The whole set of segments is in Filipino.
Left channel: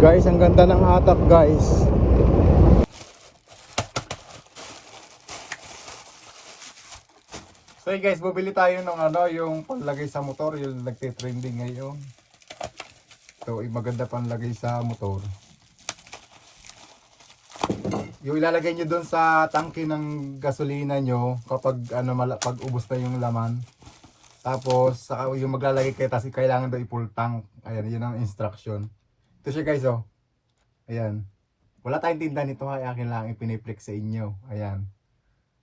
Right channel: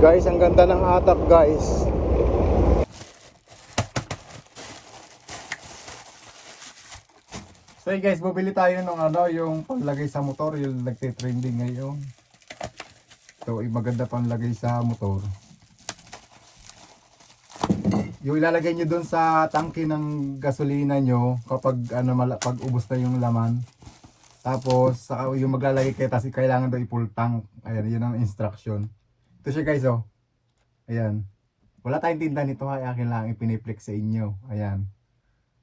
Guys, ang ganda ng hatap guys. So guys, bumili tayo ng yung panlagay sa motor, yung nagte-trending ngayon. So maganda panlagay sa motor. Yung ilalagay nyo dun sa tangke ng gasolina nyo kapag pag ubos na yung laman. Tapos yung maglalagay kayo, kasi kailangan daw i-full tank. Ayan, yun ang instruction. Ito siya guys, oh. Ayan. Wala tayong tinda nito, akin lang ipiniplex sa inyo. Ayan.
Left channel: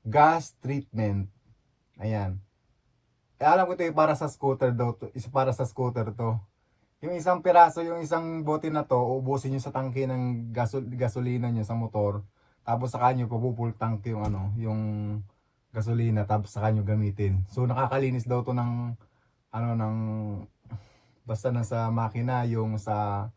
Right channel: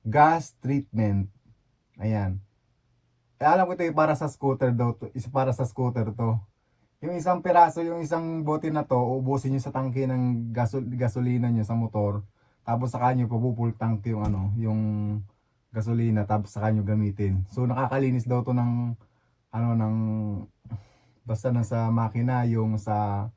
Gas treatment. Ayan. Alam ko ito yung para sa scooter daw. Para sa scooter to. Yung isang piraso, yung isang bote na to, ubusin nyo sa tangke ng gasolina nyo sa motor. Tapos saka nyo pagpupul tank yung gasolina, tapos saka nyo gamitin. So nakakalinis daw to ng basta na sa makina, yung sa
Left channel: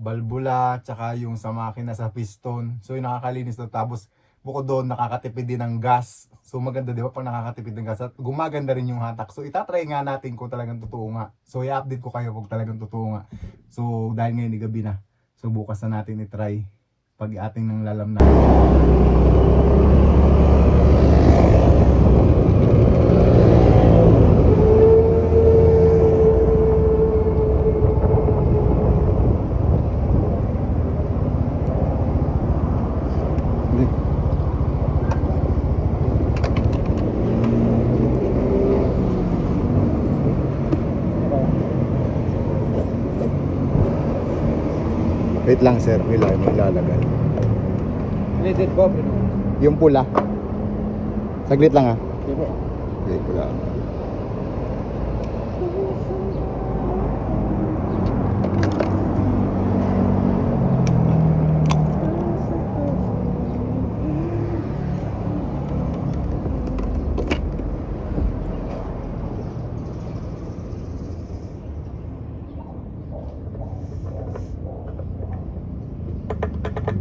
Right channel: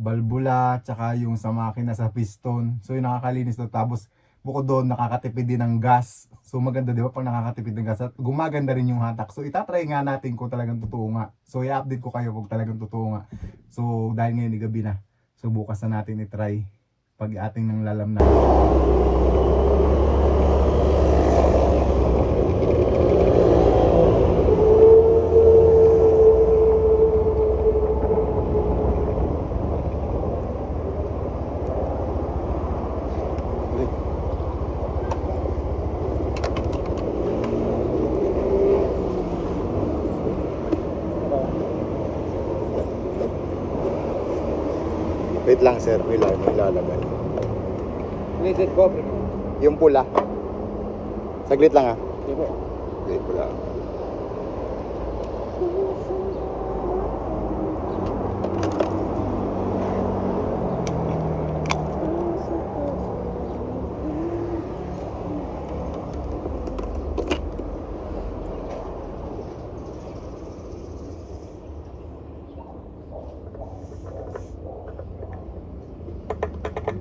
balbula, tsaka yung sa makina sa piston. So yung nakakalinis daw, tapos bukod doon nakakatipid din ng gas. So maganda, di ba, pag nakakatipid ng gas at gumaganda rin yung hatak. So itatry nga natin kung talagang totoo nga. So i-update ko kayo kung talagang totoo nga. So dahil ngayon gabi na, so bukas na natin i-try pag ating nang lalam na. Wait lang sir, wait lang, may lalagay. Needed po. Yung pula. Saglit lang Dito. Wait ko lang.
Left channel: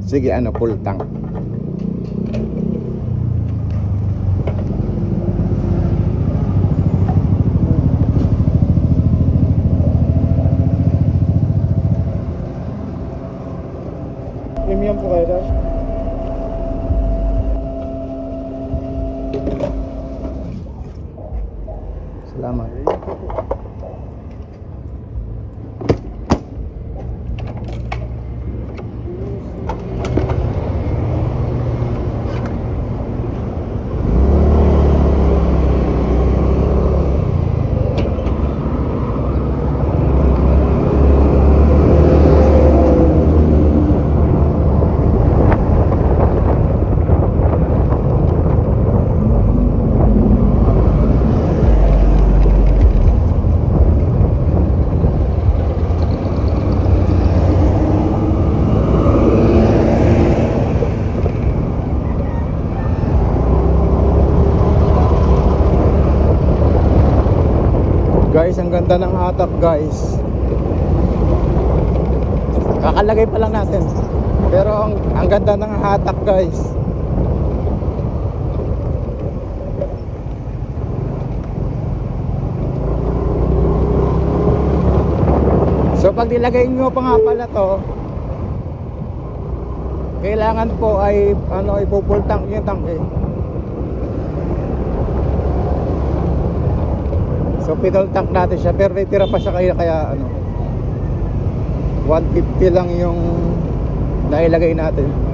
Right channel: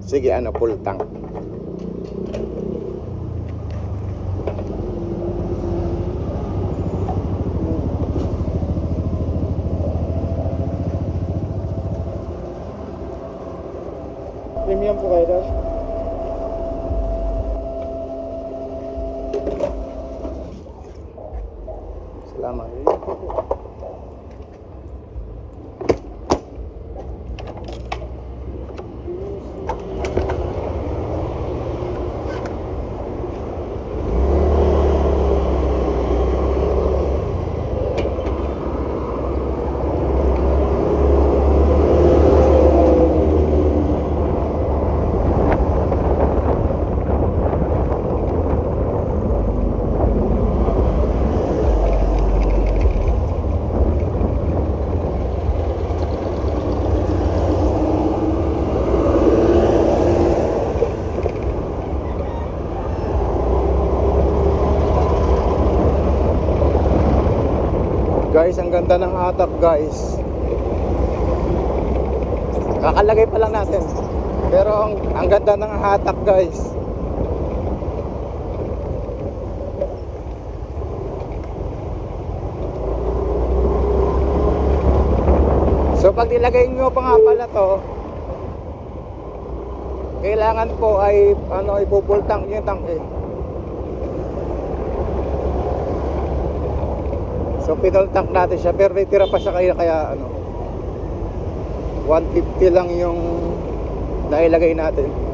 Sige, full tank. Premium po kayo daw. Salamat. Guys, ang ganda ng hatap guys. Kakalagay pa lang natin. Pero ang ganda ng hatap guys. So pag nilagay nyo pa nga pala to, kailangan po ay ipupultang yung tangke. So pedal tank natin siya, pero tira pa siya kaya 150 lang yung nailagay natin.